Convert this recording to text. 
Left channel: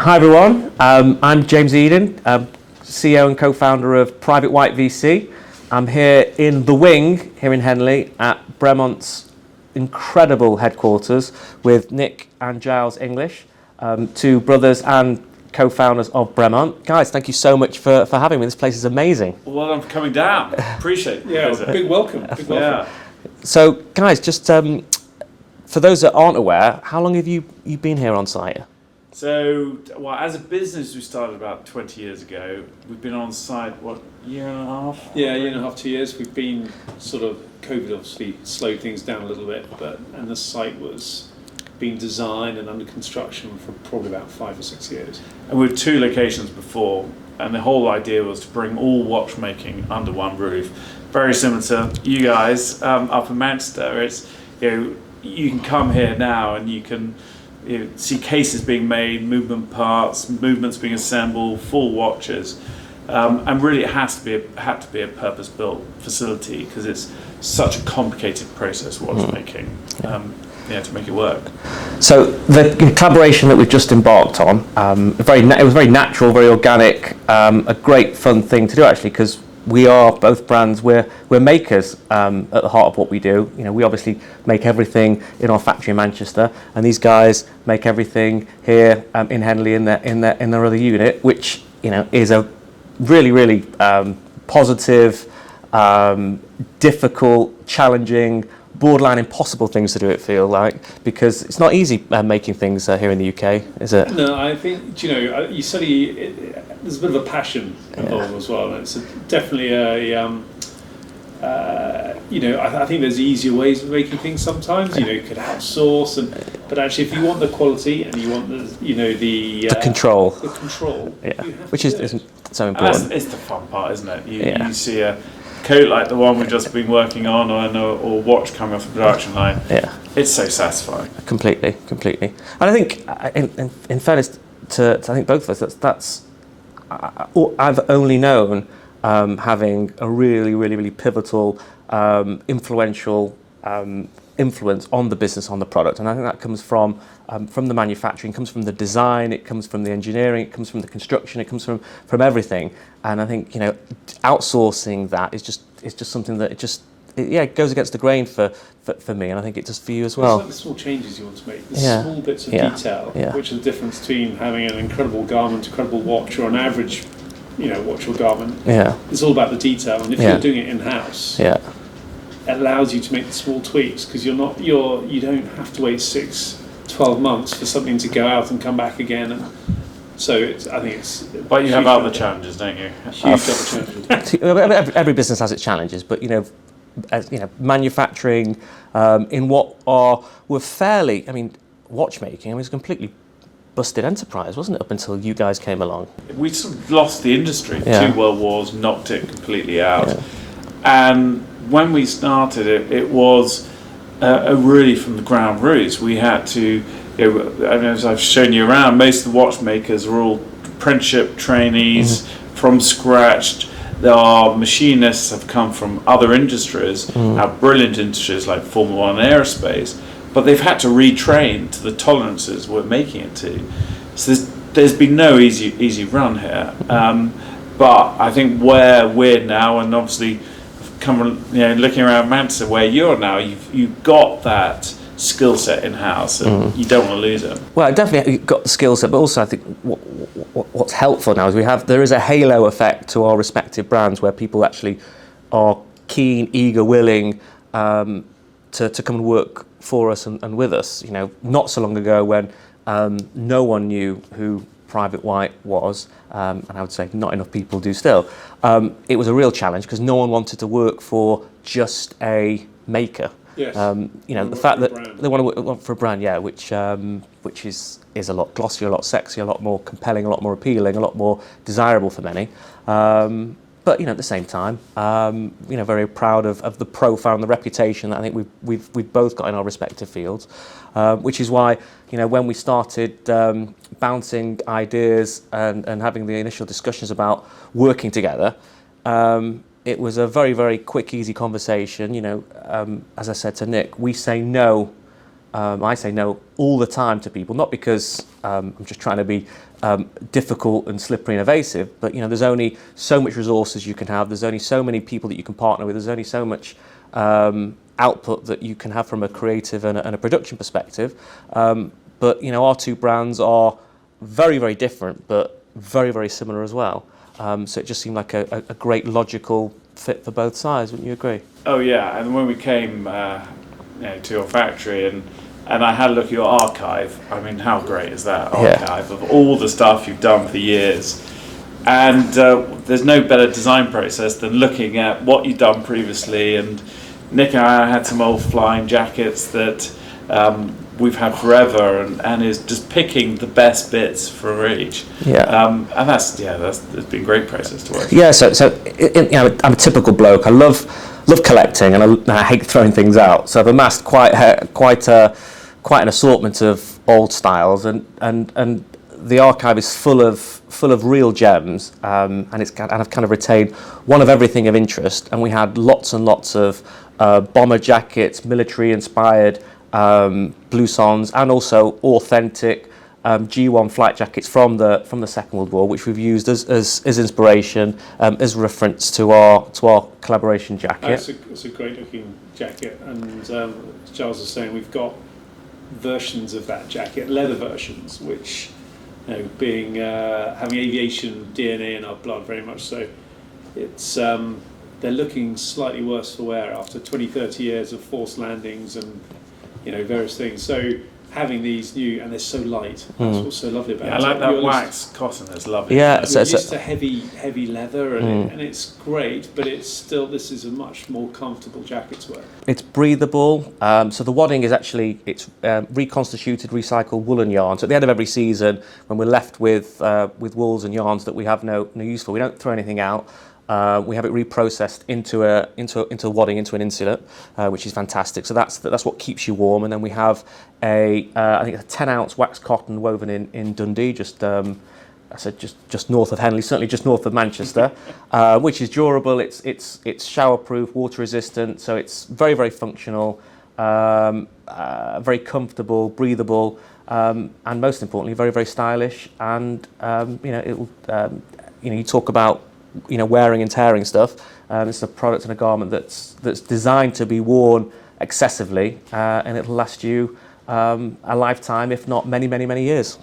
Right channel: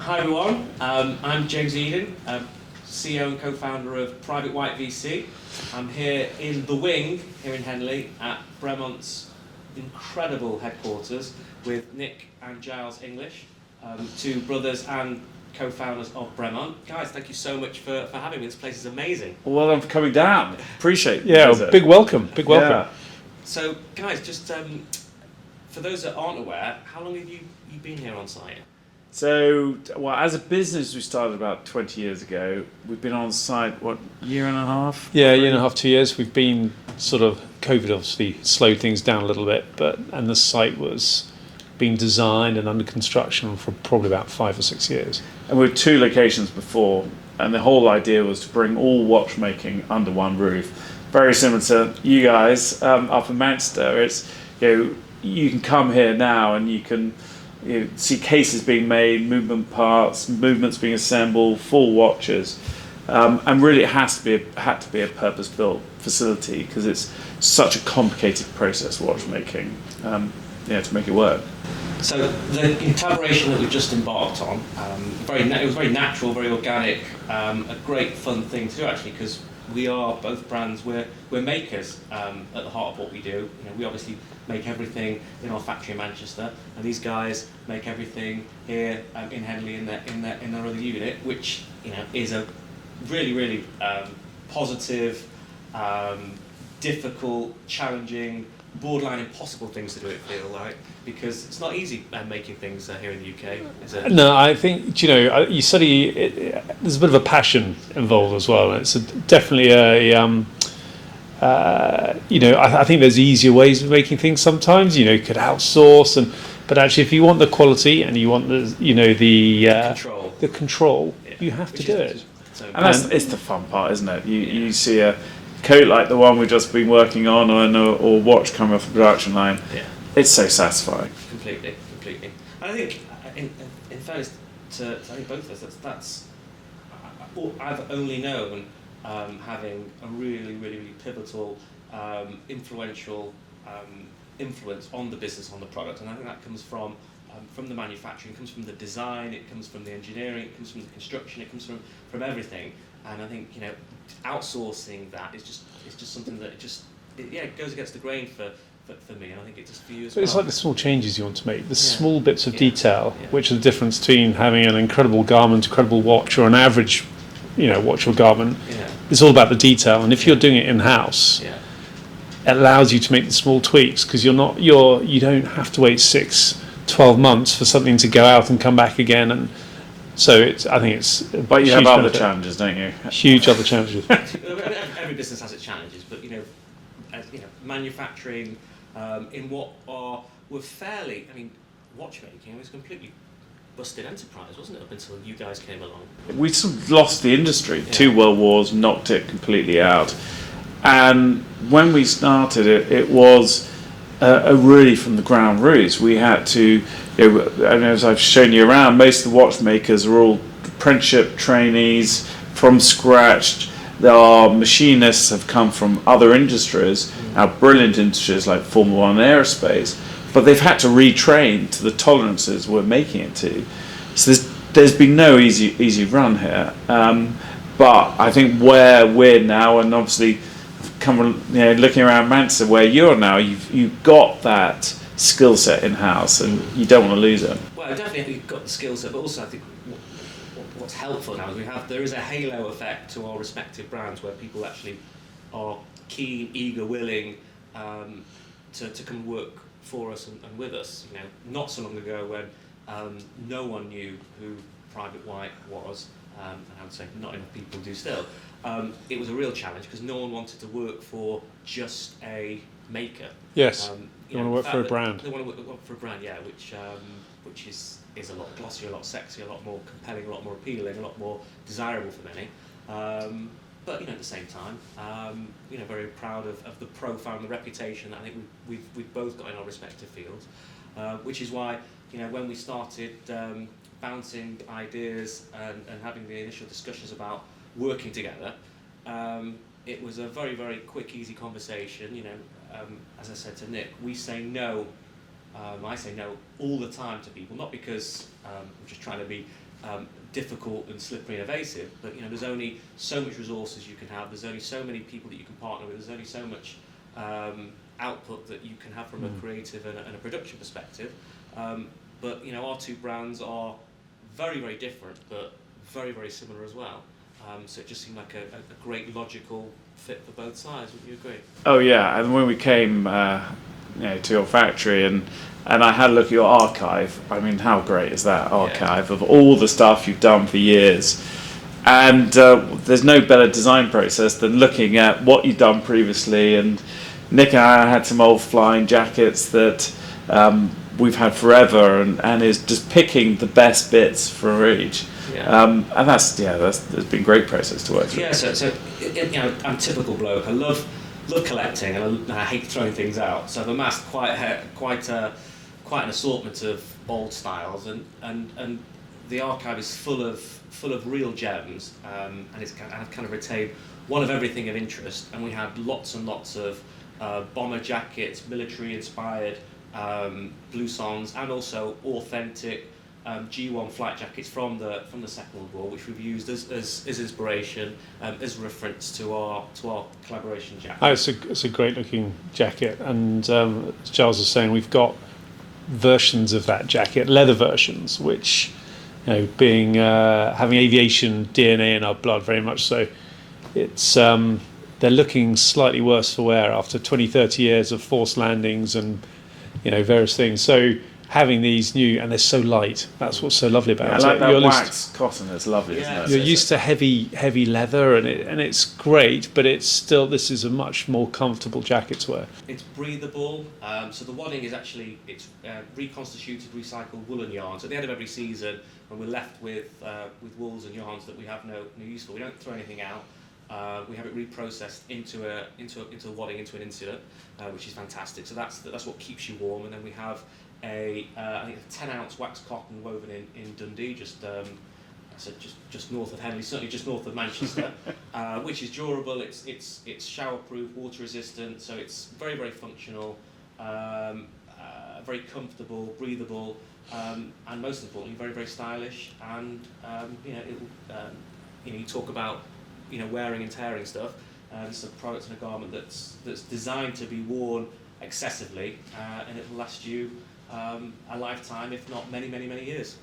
Hi everyone, I'm James Eden, CEO and co-founder of Private White V.C. I'm here in the wing, here in Henley, at Bremont's incredible headquarters with Nick and Giles English, two brothers and co-founders of Bremont. Guys, thank you so much for having me. This place is amazing. Well, I'm coming down. Appreciate it. Yeah, big welcome. Big welcome. Yeah. So, guys, just for those that aren't aware, how long have you been here on site? So, well, as a business, we started about 20 years ago. We've been on site, year and a half? Yeah, year and a half, 2 years. We've been sort of, COVID obviously slowed things down a little bit, and the site was being designed and under construction for probably about 5 or 6 years. And we had 2 locations before, and the whole idea was to bring all watchmaking under one roof. Very similar to you guys up in Manchester. It's, you can come here now and you can see cases being made, movement parts, movements being assembled, full watches, and really it had to be a purpose-built facility because it's such a complicated process, watchmaking, to make it work. So the collaboration that we've just embarked on, it was very natural, very organic, a great fun thing to do actually because we are both brands. We're makers at the heart of what we do. We obviously make everything in our factory in Manchester, and these guys make everything here in Henley in their other unit, which is a really positive, difficult, challenging, borderline impossible things to do. It feel like because it's not easy making things here in the UK, is it? No, I think you study. There's a bit of a passion involved as well. It's definitely I think there's easier ways of making things sometimes. You could outsource, but actually, if you want the quality and you want the control, you have which to do is it. so important. And it's the fun part, isn't it? You see a coat like the one we've just been working on, or watch coming off the production line. Yeah, it's so satisfying. Completely. And I think, in fairness to I think both of us, that's I've only known having a really pivotal, influential influence on the business, on the product, and I think that comes from the manufacturing, comes from the design, it comes from the engineering, it comes from the construction, it comes from everything. And I think outsourcing that is just something that it goes against the grain for me, and I think it does for you as well. It's like the small changes you want to make, the small bits of detail, which are the difference between having an incredible garment, incredible watch, or an average, watch or garment. Yeah, it's all about the detail, and if you're doing it in house, it allows you to make the small tweaks because you don't have to wait 6-12 months for something to go out and come back again and. So I think it's. But you have other challenges, don't you? Huge other challenges. Every business has its challenges, but manufacturing in what were fairly. Watchmaking. It was a completely busted enterprise, wasn't it? Up until you guys came along. We sort of lost the industry. 2 world wars knocked it completely out, and when we started it was really from the ground roots. We had to. And as I've shown you around, most of the watchmakers are all apprenticeship trainees from scratch. Our machinists have come from other industries, have brilliant industries like Formula 1 and aerospace, but they've had to retrain to the tolerances we're making it to. So there's been no easy run here. But I think where we're now, and obviously looking around Manchester where you're now, you've got that skill set in house, and you don't want to lose it. Well, definitely you've got the skill set, but also I think what's helpful now is there is a halo effect to our respective brands where people actually are keen, eager, willing to come and work for us and with us. Not so long ago when no one knew who Private White was, and I would say not enough people do still. It was a real challenge because no one wanted to work for just a maker. Yes. The fact that they want to work for a brand, which is a lot glossier, a lot sexier, a lot more compelling, a lot more appealing, a lot more desirable for many. But at the same time, very proud of the profile and the reputation that I think we've both got in our respective fields, which is why when we started bouncing ideas and having the initial discussions about working together. It was a very, very quick, easy conversation. As I said to Nick, we say no I say no all the time to people, not because I'm just trying to be difficult and slippery and evasive, but there's only so much resources you can have. There's only so many people that you can partner with. There's only so much output that you can have from a creative and a production perspective. But our two brands are very, very different, but very, very similar as well. So it just seemed like a great logical fit for both sides. Wouldn't you agree? Oh yeah, and when we came to your factory and I had a look at your archive. I mean, how great is that archive of all the stuff you've done for years? And there's no better design process than looking at what you've done previously. And Nick and I had some old flying jackets that we've had forever, and is just picking the best bits for each. And that's been a great process to work. Yeah, so I'm a typical bloke. I love collecting, and I hate throwing things out. So I've amassed quite an assortment of old styles, and the archive is full of real gems, and I've kind of retained one of everything of interest. And we had lots and lots of bomber jackets, military inspired bloussons, and also authentic G1 flight jackets from the Second World War, which we've used as inspiration, as reference to our collaboration jacket. It's a great looking jacket, and as Giles was saying, we've got versions of that jacket, leather versions, which being having aviation DNA in our blood very much so, it's they're looking slightly worse for wear after 20-30 years of forced landings and various things. So having these new, and they're so light. That's what's so lovely about it. I like that wax cotton. It's lovely. Yeah, you're used to heavy leather, and it's great, but it's still, this is a much more comfortable jacket to wear. It's breathable. So the wadding is actually reconstituted, recycled woolen yarn. So at the end of every season, when we're left with wools and yarns that we have no use for, we don't throw anything out. We have it reprocessed into a wadding, into an insulet, which is fantastic. So that's what keeps you warm. And then we have I think a 10-ounce wax cotton woven in Dundee, just north of Henley, certainly just north of Manchester, which is durable. It's showerproof, water resistant, so it's very, very functional, very comfortable, breathable, and most importantly, very, very stylish. And you talk about wearing and tearing stuff. It's a product and a garment that's designed to be worn excessively, and it'll last you a lifetime, if not many, many, many years.